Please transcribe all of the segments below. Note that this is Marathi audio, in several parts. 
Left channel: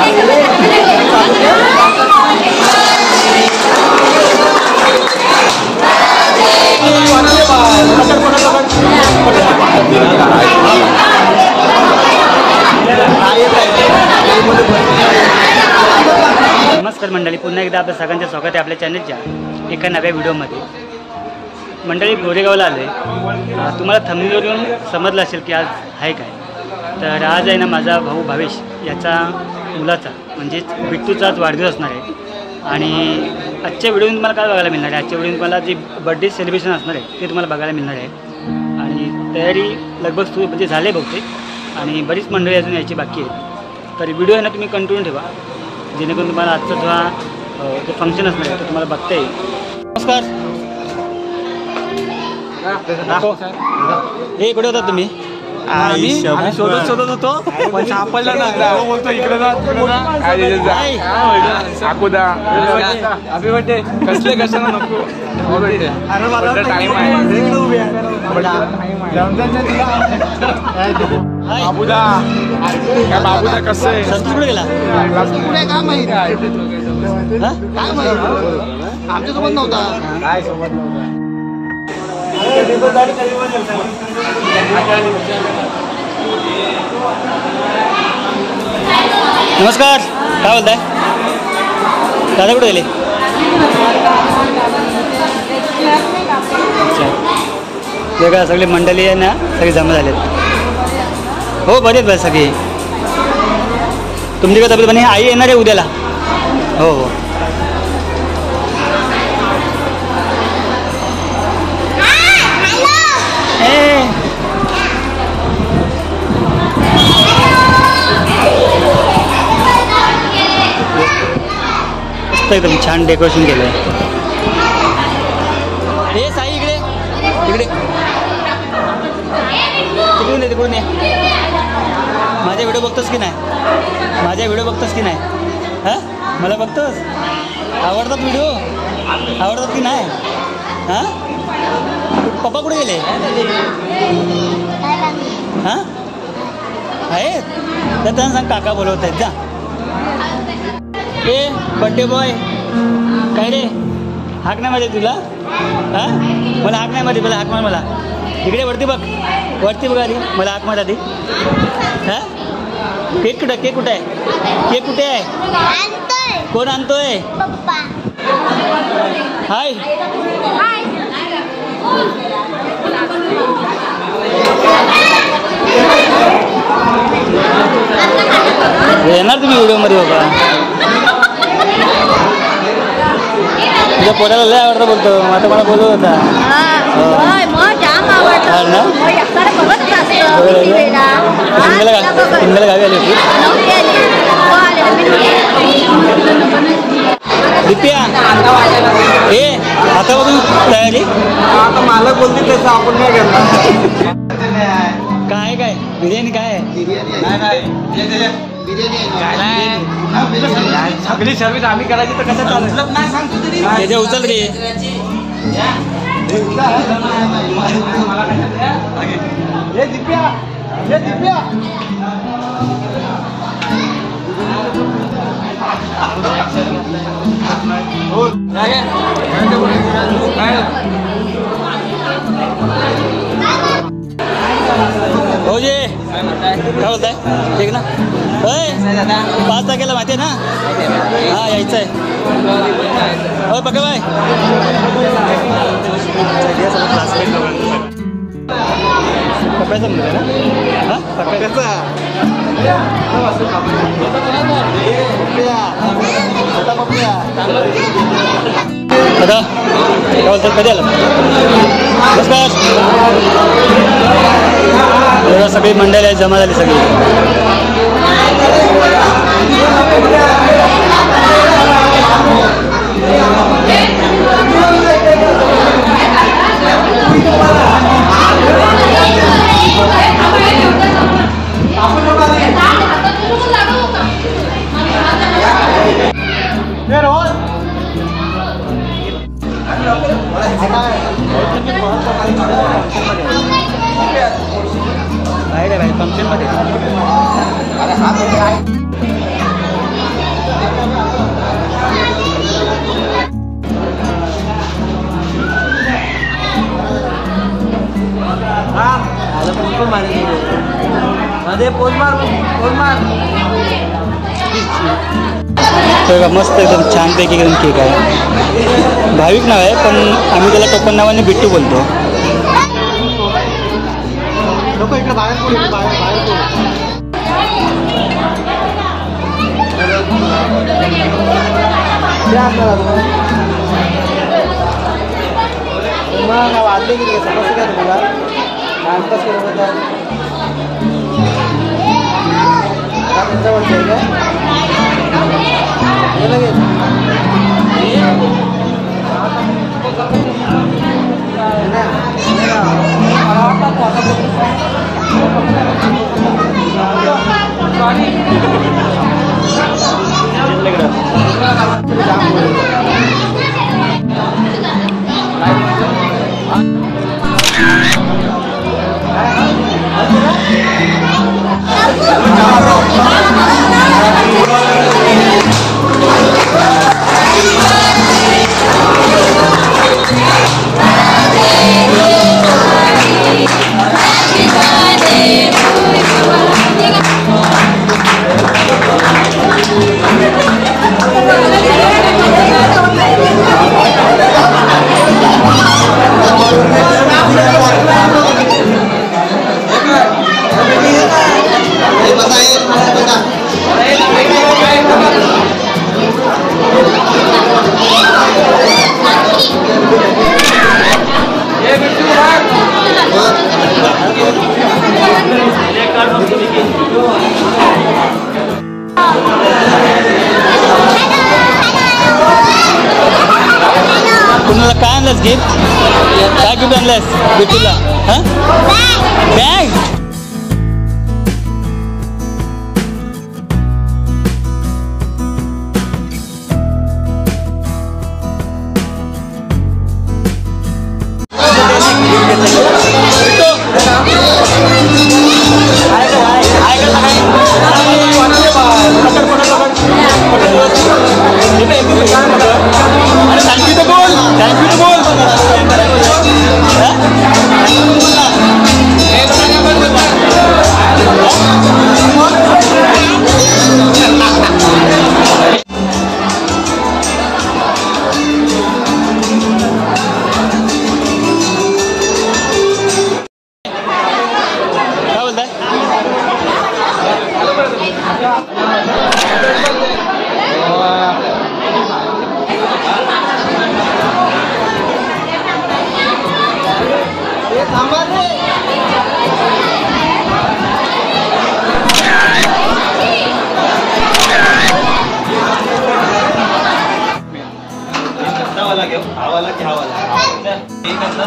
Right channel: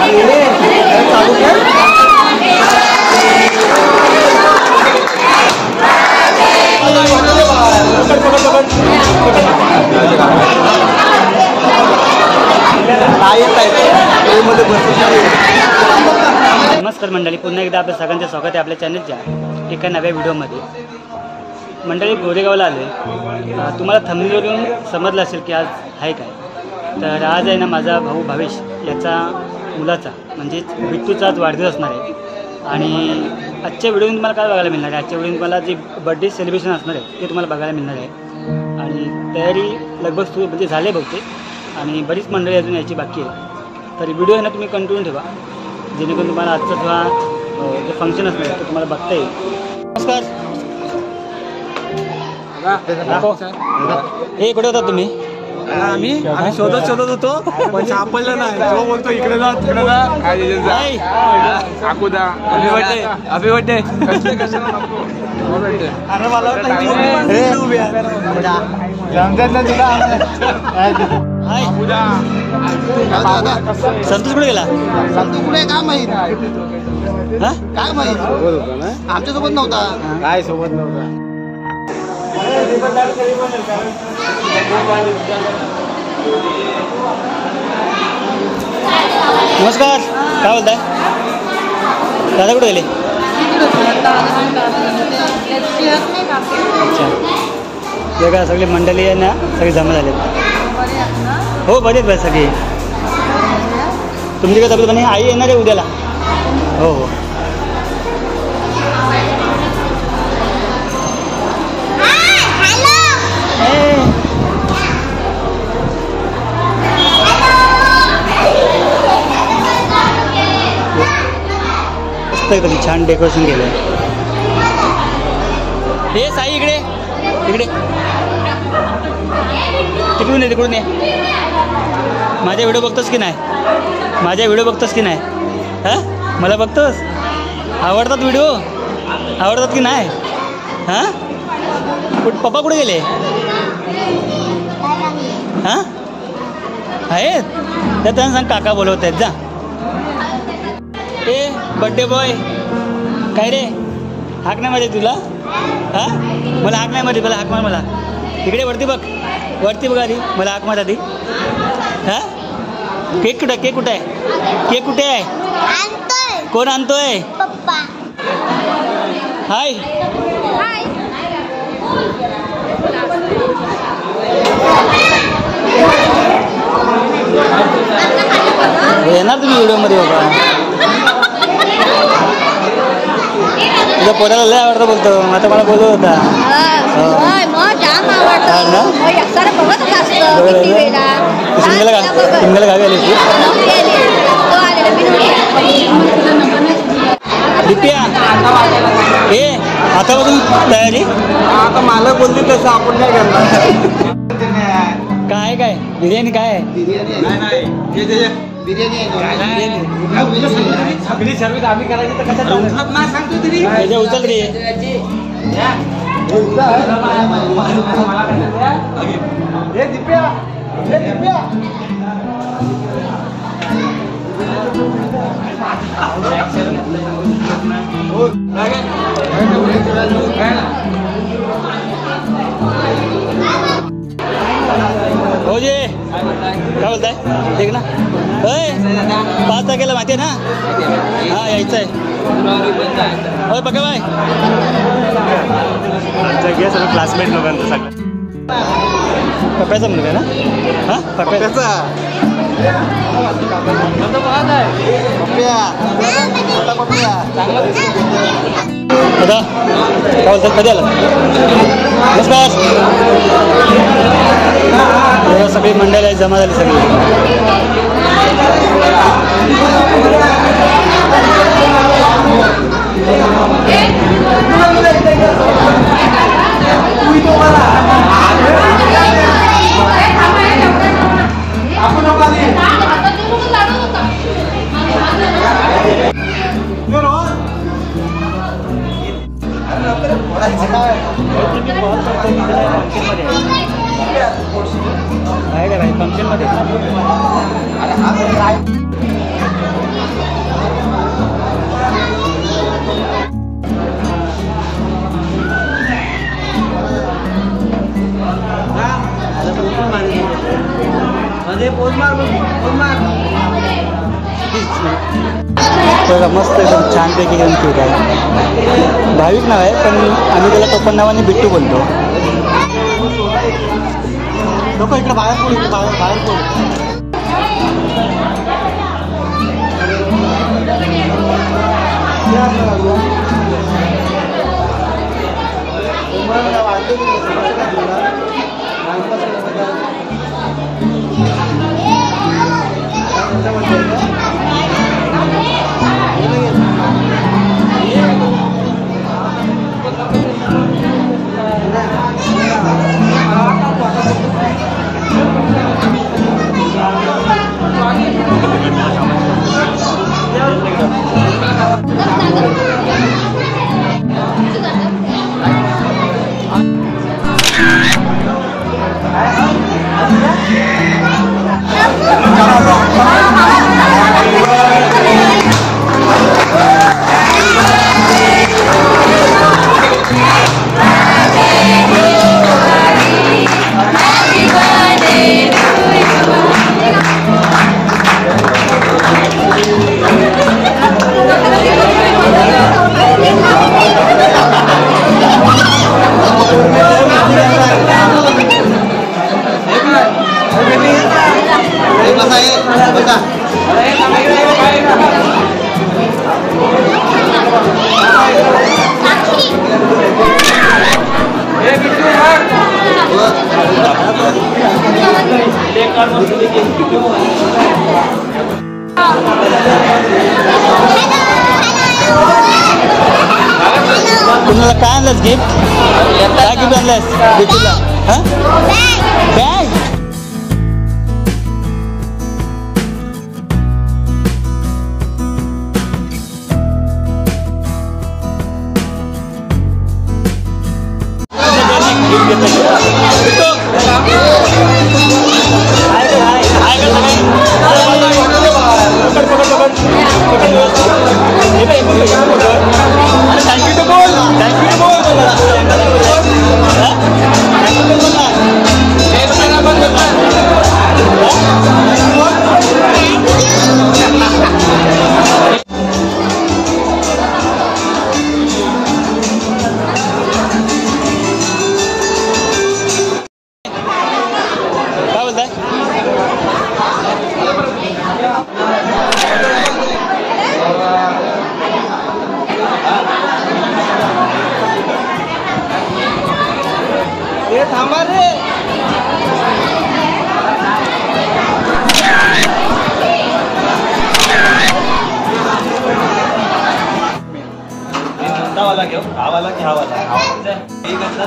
नमस्कार मंडळी, पुन्हा एकदा आपल्या सगळ्यांचं स्वागत आहे आपल्या चॅनलच्या एका नव्या व्हिडिओमध्ये. मंडळी गोरेगावला आलो आहे. तुम्हाला थंबनेलवरून समजलं असेल की आज आहे काय. तर आज आहे ना माझा भाऊ भावेश याचा मुलाचा म्हणजेच बिट्टूचा आज वाढदिवस असणार आहे. आणि आजच्या व्हिडिओमध्ये तुम्हाला काय बघायला मिळणार आहे, आजच्या व्हिडिओमध्ये तुम्हाला जे बड्डे सेलिब्रेशन असणार आहे ते तुम्हाला बघायला मिळणार आहे. आणि तयारी लगभग म्हणजे झाले बहुतेक आणि बरीच मंडळी अजून यायची बाकी आहे. तर व्हिडिओ आहे ना तुम्ही कंटिन्यू ठेवा, जेणेकरून तुम्हाला आजचा जो फंक्शन असणार आहे तो तुम्हाला बघता येईल. नमस्कार. हे कुठे होता तुम्ही? आम्ही शोधत होतो पण सापडलं नाही. तो बोलतो इकडे जा तिकडे संतोष कुठे गेला? काय माहित, काय माहित, आमच्या सोबत नव्हता. काय सोबत नव्हता. नमस्कार. काय बोलताय? दादा कुठे गेले? अच्छा, वेगळा सगळे मंडळी आहे ना, सगळे जमा झालेत. हो बरेच बरं सगळे. तुमची काय तब्येत बनी? आई येणार आहे उद्याला. हो हो. मस्त एकदम छान डेकोरेशन केलं आहे. हे साई इकडे तिकडे तिकडून ये, तिकडून ये. माझ्या व्हिडिओ बघतोस की नाही? माझ्या व्हिडिओ बघतोस की नाही? हां, मला बघतोस? आवडतात व्हिडिओ? आवडतात की नाही? हां, पप्पा कुठे गेले? हां आहेत तर त्यांना सांग काका बोलवत आहेत. जा. ए बड्डे बॉय, काय रे? हाक नाही माहिती तुला? हां, मला हाक नाही माहिती. मला हाक मार. मला इकडे वरती बघ, वरती बघ आधी. मला हाक मार आधी. हां, केक कुठे? केक कुठे आहे? केक कुठे आहे? कोण आणतोय? पप्पा. हाय. येणार तुम्ही व्हिडिओमध्ये बाबा. तुझ्या पोराला लय आवडतं बोलतो. आता मला बोलत होता. सिंगल गावी आली होती. दिप्या ए आता बघून तयारी. आता मालक बोलते तसं आपण काय करणार. काय काय बिर्याणी काय आहे? सगळी सर्विस आम्ही करायची तर कसं उचलत नाही सांगतो तरी. त्याच्या उचल रे. हो जे काय बोलताय? ठीक ना? होय 5 तारखेला माहिती आहे ना? हां यायचं आहे. होय बघा बाय. पप्प्याचा मुलगा आहे ना? हां पप्प्याचा. मोठा पप्प्या. दादा काय बोलतात? कधी आला? नमस्कार. सगळी मंडळी जमा झाली सगळी. फंक्शनमध्ये बघा मस्त एकदम छानपैकी एकदम केक आहे. भाविक नाव आहे पण आम्ही त्याला टोपण नावाने बिट्टू बोलतो. इकडे बाहेर कुणाला काय आणलंस गिफ्ट? काय गिफ्ट आणलंस बिट्टूला? हां बॅग.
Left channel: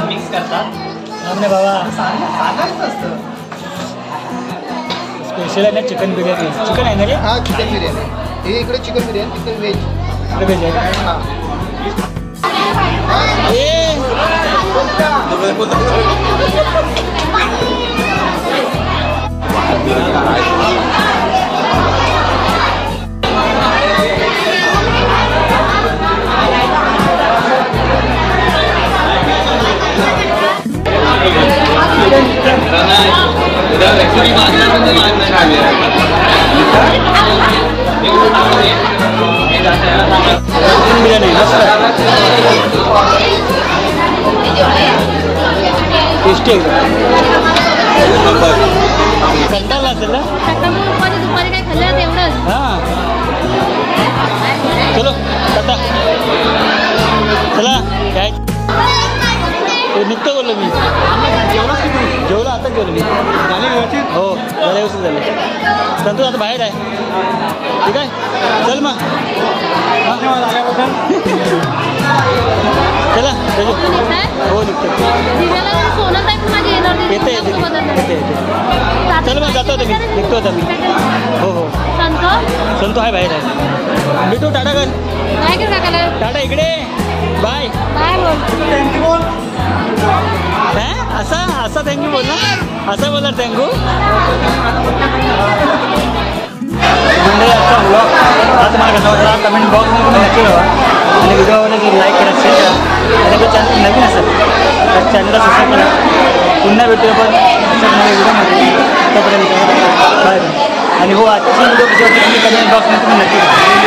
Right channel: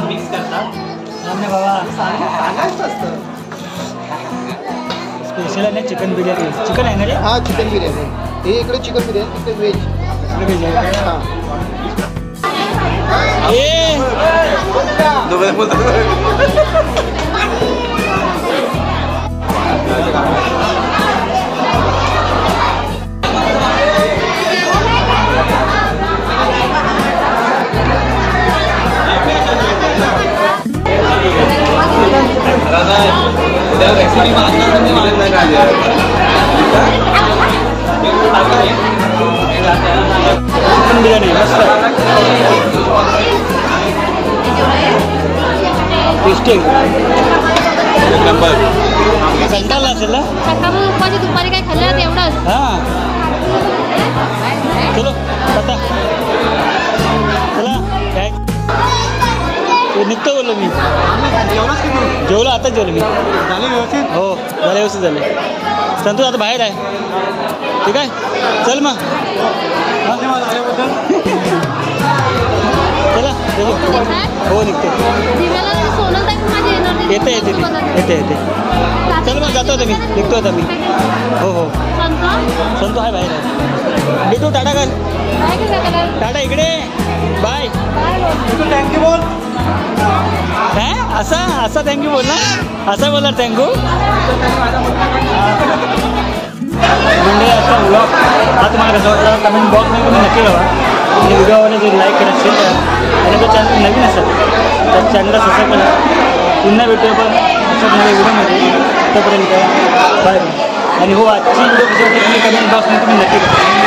मिक्स करतात बाबा स्पेशल आहे ना चिकन बिर्याणी. चिकन आहे ना रे? हा चिकन बिर्याणी. हे इकडे चिकन बिर्याणी, इकडे व्हेज. इकडे व्हेज आहे का? हां. रेसिपी मागणार म्हणजे मागणार चिकन बिर्याणी मस्त आहे, टेस्टी आहे. नंबर कंटाळला असेल ना? हां चलो कटा चला काय निघतो बोललो मी. जेवलो आता जेवलो मी. हो झालं व्यवस्थित झालं. संतोष आता बाहेर आहे. ठीक आहे चल मग. चला हो निघतो. येते येते येते येते. चल मग जातो होता मी, निघतो होता मी. हो हो संतो आहे बाहेर आहे. भेटू टाटा कर. टाटा इकडे बाय. काय असा असा थँक्यू बोल ना, असा बोलणार थँक्यू. मंडळी आजचा व्लॉग हा तुम्हाला कसा वाटला कमेंट बॉक्समध्ये तुम्ही नक्की कळवा. आणि व्हिडिओवर जर लाईक करा शेअर करा. आणि आपलं चॅनल नवीन असेल तर चॅनलला सबस्क्राईब करा. पुन्हा भेटूया आपण अशाच नव्या व्हिडिओमध्ये. तोपर्यंत बाय बाय. आणि हो आजची व्हिडिओ कशी वाटते तुम्ही कमेंट बॉक्समध्ये तुम्ही नक्की करा.